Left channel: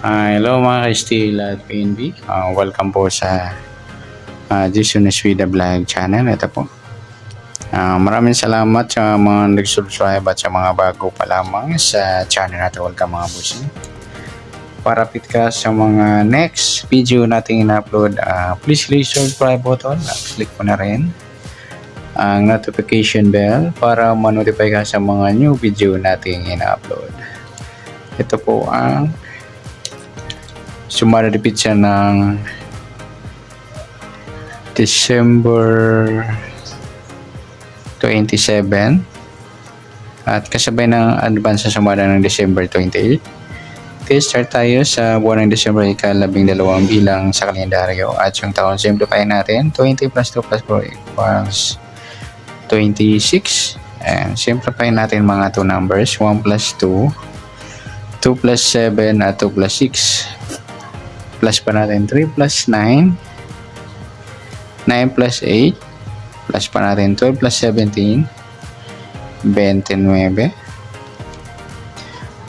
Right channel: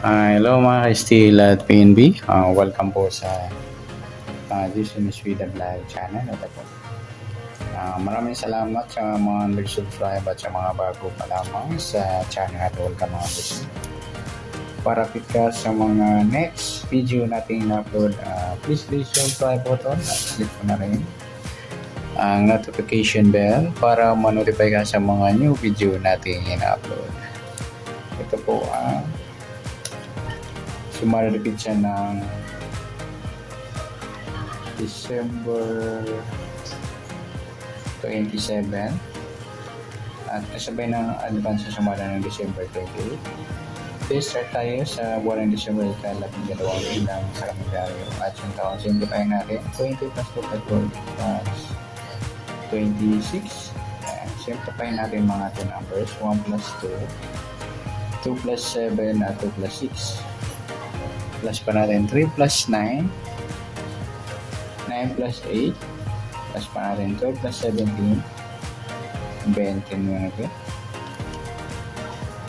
Hello mga ka-Steel at PNB. Welcome po sa Jason Swida Vlog channel. Ito po. Maraming salamat sa mga nag-subscribe at sa mga bago pa lamang sa channel natin. Welcome mga boss. Para fit ka sa mga next video natin in-upload, please click subscribe button at click po na rin ang notification bell para ma-notify ka sa mga new video natin in-upload. Ito po ang sumaripit siya ng December 27 at kasabay ng advance sa sumara ng December 28. Okay, start tayo sa buwan ng December ika-12 bilang sa kalendaryo at yung taon simplify natin 20 plus 2 plus 4 equals 26 and simplify natin mga 2 numbers 1 plus 2 2 plus 7 at 2 plus 6 plus pa natin 3 plus 9 9 plus 8 plus pa natin 12 plus 17 29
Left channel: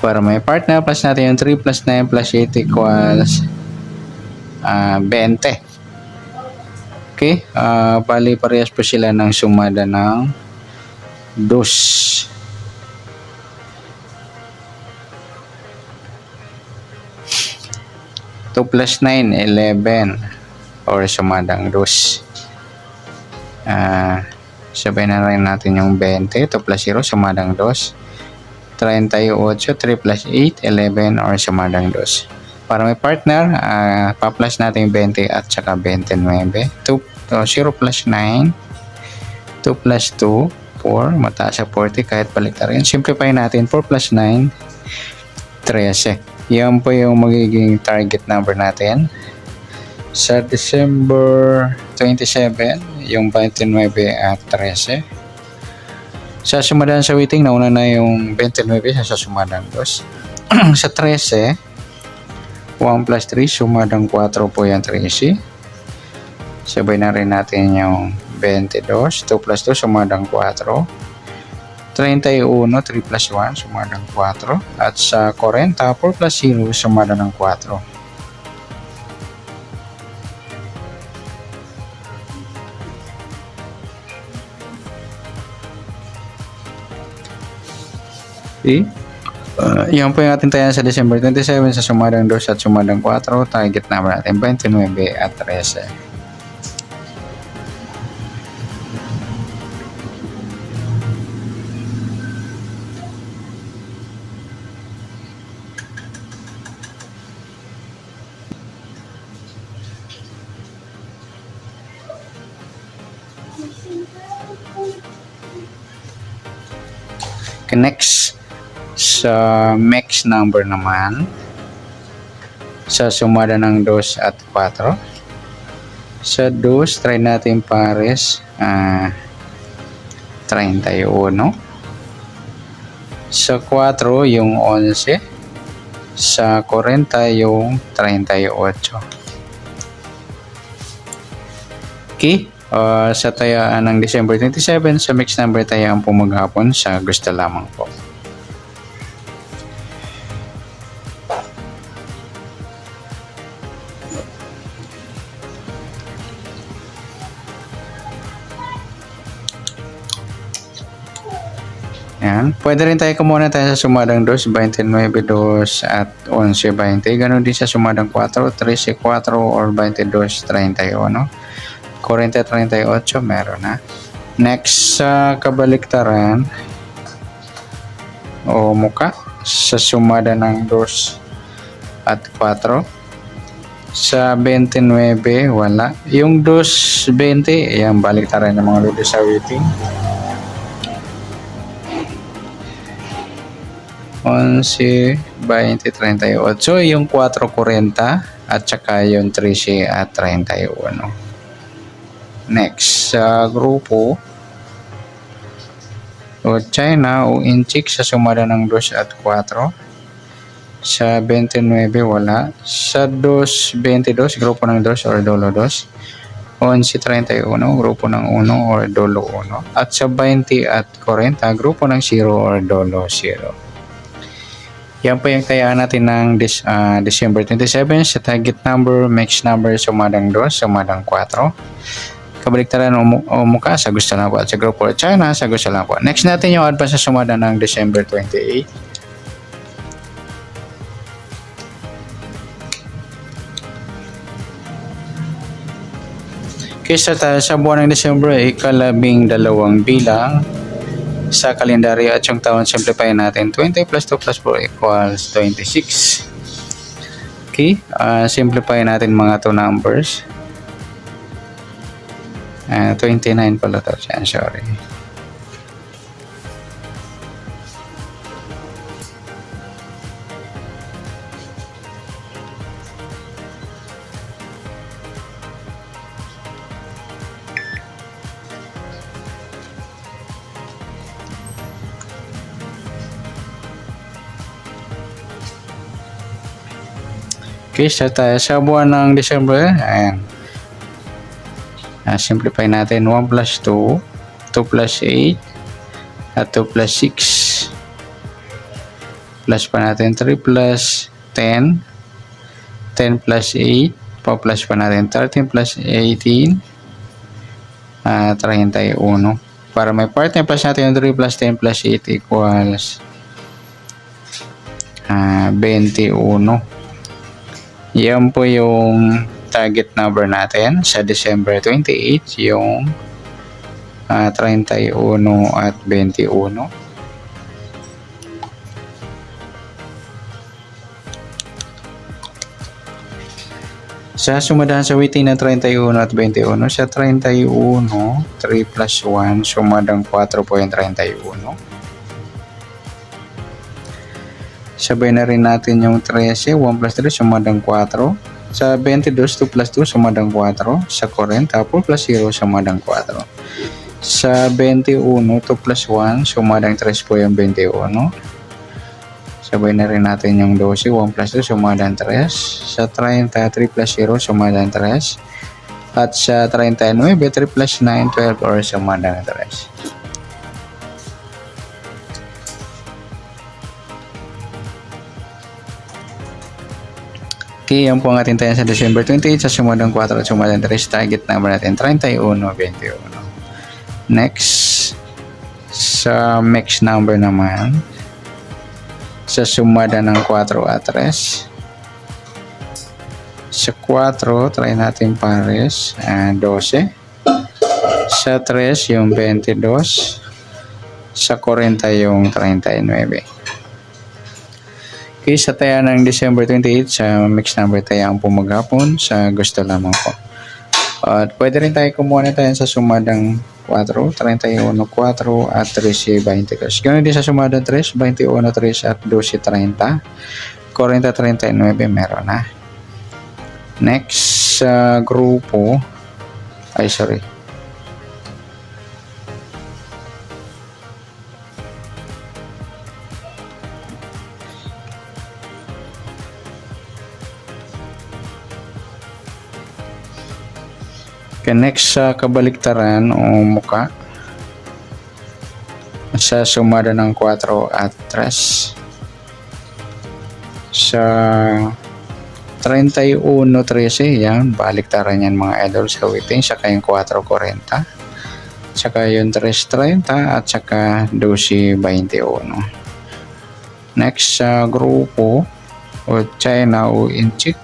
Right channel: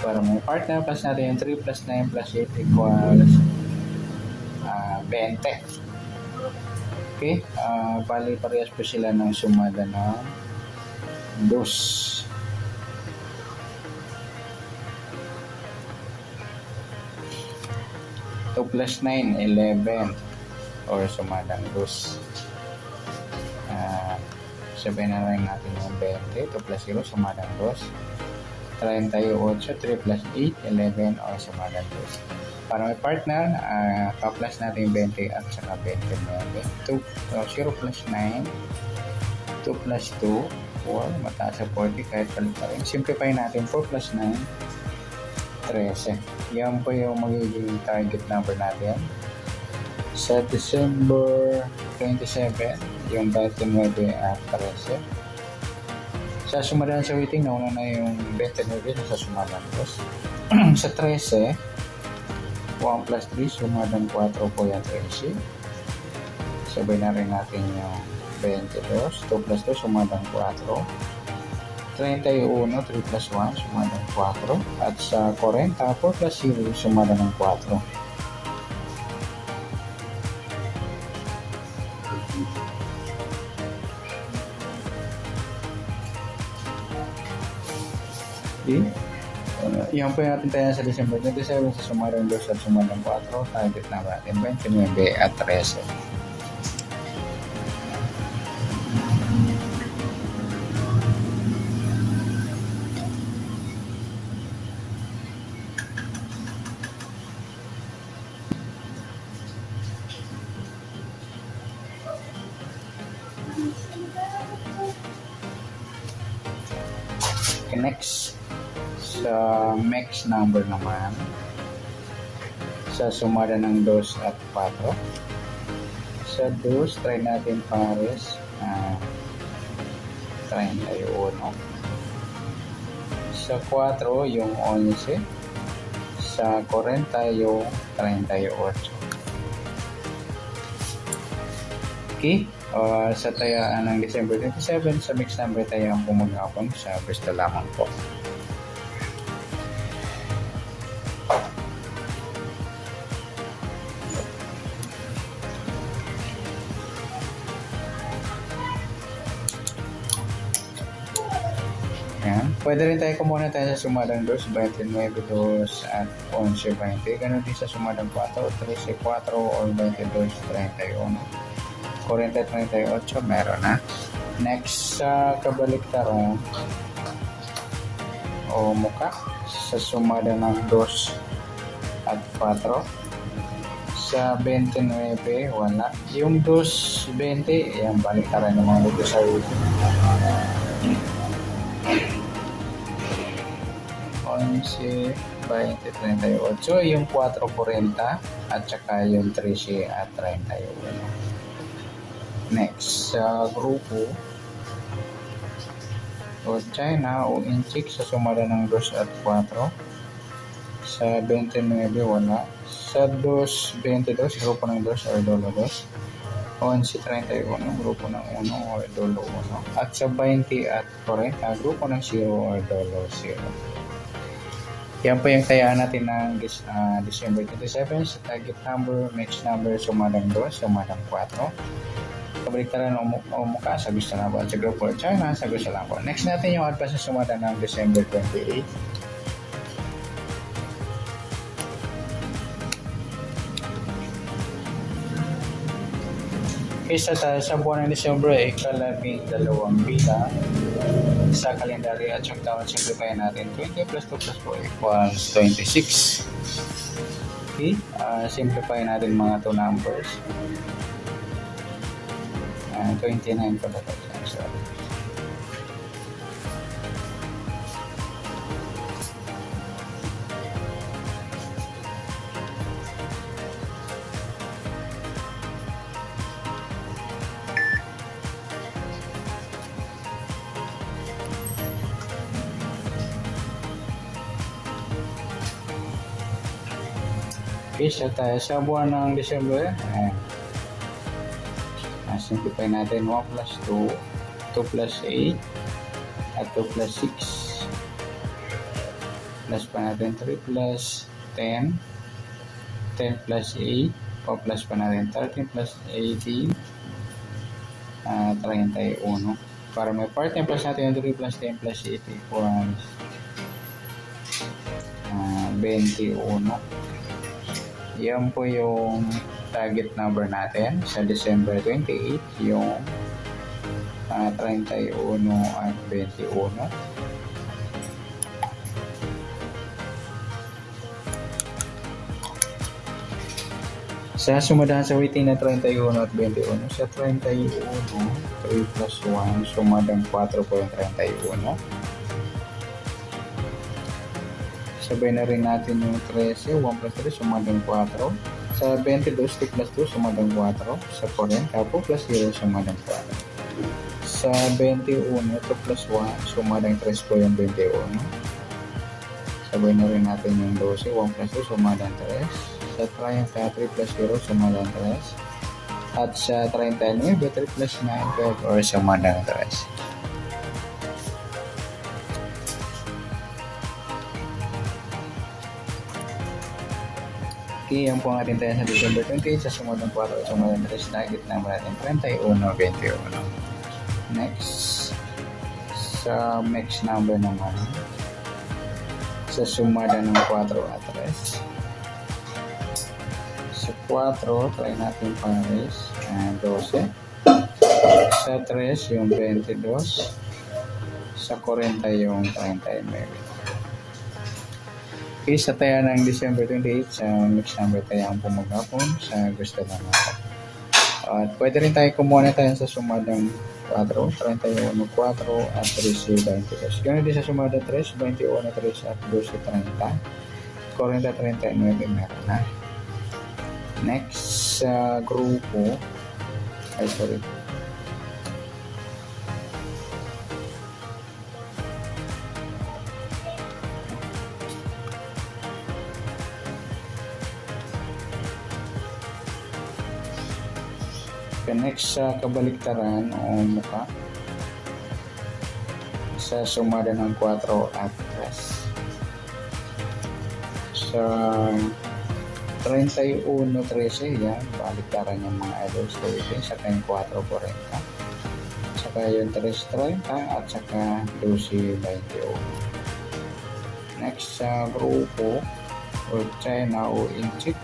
para may partner plus natin yung 3 plus 9 plus 8 equals 20. Okay, bali parehas po sila ng sumada ng 2. 2 plus 9, 11 or sumadang 2. Sabay na rin natin yung 20. 2 plus 0, sumadang 2. 38, 3 plus 8, 11 or sumadang 2. Para may partner, pa-plus natin yung 20 at saka 29. 0 plus 9, 2 plus 2, 4, mataas sa 40 kahit balik na rin. Simplify natin, 4 plus 9, 13. Yan po yung magiging target number natin sa December 27, yung 29 at 13. Sa sumadan sa waiting, nauna na yung 29 sa sumadan 2. Sa 13, 1 plus 3, sumadang 4 po yung 13. Sabay na rin natin yung 22, 2 plus 2, sumadang 4. 31, 3 plus 1, sumada ng 4. At sa 40, 4 plus 0, sumada ng 4. Okay. Yan po yung ating tayan sa December 27 sa sumadang 2 at sumadang 4. Target number natin 29 at 13. Okay, next sa max number naman sa sumada ng 2 at 4. Sa 2 try natin pares 31. Sa 4 yung 11. Sa 40 yung 38. Okay. Sa tayaan ng December 27 sa mix number tayaan po maghapon sa gusto lamang po. Yan. Pwede rin tayo kumuna tayo sa sumadang 2, 29, 2 at 11, 20. Ganon din sa sumadang 4, 13, 4 or 22, 31. 40, 38, meron na. Next sa kabaliktaran o muka sa sumada ng 2 at 4. Sa 29, wala. Yung 2, 20, ayan, baliktaran ng mga ludo sa waiting. 11, 20, 38. So, yung 4, 40 at saka yung 13 at 31. Next, sa grupo o China o Inchik sa sumada ng 2 at 4. Sa 29, wala. Sa 2, 22, grupo ng 2 or dolo 2. 11, 31, grupo ng 1 or dolo 1. At sa 20 at 40, grupo ng 0 or dolo 0. Yan po yung kaya natin ng December 27 sa target number, mix number, sumadang 2, sumadang 4. Kabaliktaran o muka sa gusto lang po. At sa grupo China sa gusto lang po. Next natin yung advance sa sumada ng December 28. Kaysa sa buwan ng December ay ika-12 bilang sa kalendaryo at yung taon simplify natin 20 plus 2 plus 4 equals 26. Okay, simplify natin mga 2 numbers. 29 pala to siya, sorry. Okay, start tayo sa buwan ng December. Ayan. Simplify natin 1 plus 2, 2 plus 8, at 2 plus 6. Plus pa natin 3 plus 10, 10 plus 8, pa-plus pa natin 13 plus 18, 31. Para may part na plus natin yung 3 plus 10 plus 8 equals 21. Yan po yung target number natin sa December 28, yung 31 at 21. Sa sumadahan sa waiting na 31 at 21, sa 31, 3 plus 1, sumadang 4 po yung 31. Sabay na rin natin yung 13, 1 plus 3, sumadang 4. Sa 22, 2 plus 2, sumadang 4. Sa 40, 4 plus 0, sumadang 4. Sa 21, 2 plus 1, sumadang 3 po yung 21. Sabay na rin natin yung 12, 1 plus 2, sumadang 3. Sa 30, 3 plus 0, sumadang 3. At sa 39, 3 plus 9, 12 or sumadang 3. Okay, yan po ang ating tayo sa December 28 sa sumadang 4 at sumadang 3. Target number natin 31, 21. Next, sa mix number naman, sa sumada ng 4 at 3. Sa 4, try natin pares, 12. Sa 3, yung 22. Sa 40, yung 39. Okay, sa taya ng December 28, sa mix number taya ang pumagapon sa gusto lamang po. At pwede rin tayo kumuha na tayo sa sumadang 4, 31, 4 at 13, 20. Ganoon din sa sumadang 3, 21, 3 at 12, 30. 40, 39 meron na. Next sa grupo, Okay, next sa kabaliktaran o muka, sa sumada ng 4 at 3. Sa 31, 13, yan, baliktaran yan mga idol sa waiting, saka yung 4, 40. Saka yung 3, 30 at saka 12, 21. Next sa grupo o China o Inchik,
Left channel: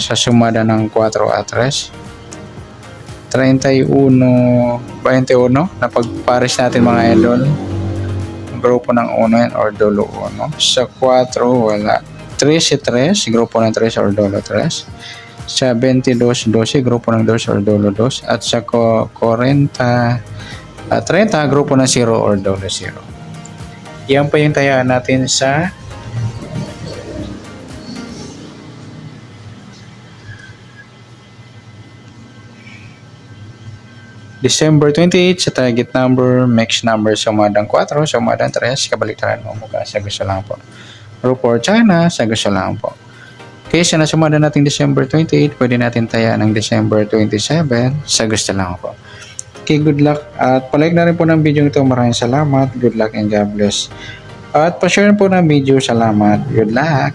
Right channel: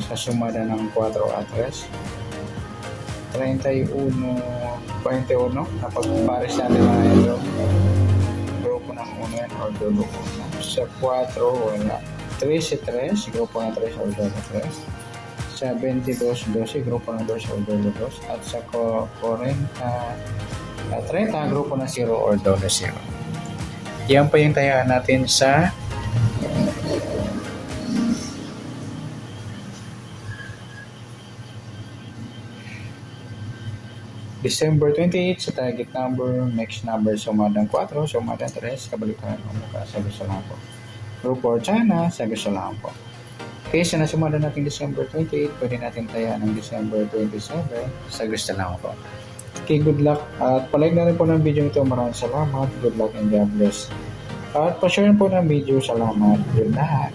sa sumada ng 4 at 3. 31, 21 na pagpares natin mga idol, grupo ng 1 or dolo 1. Sa 4 wala, 3 si 3, grupo ng 3 or dolo 3. Sa 22, 12, grupo ng 2 or dolo 2. At sa 40 at 30, grupo ng 0 or dolo 0. Yan pa yung tayaan natin sa December 28 sa target number, mix number, sumadang 4, sumadang 3, kabaliktaran mo mukha sa gusto lang po. Grupo China sa gusto lang po. Okay, sa nasumada natin December 28, pwede natin taya ng December 27 sa gusto lang po. Okay, good luck at palike na rin po ng video ito. Maraming salamat. Good luck and God bless. At pa-share po ng video. Salamat. Good luck.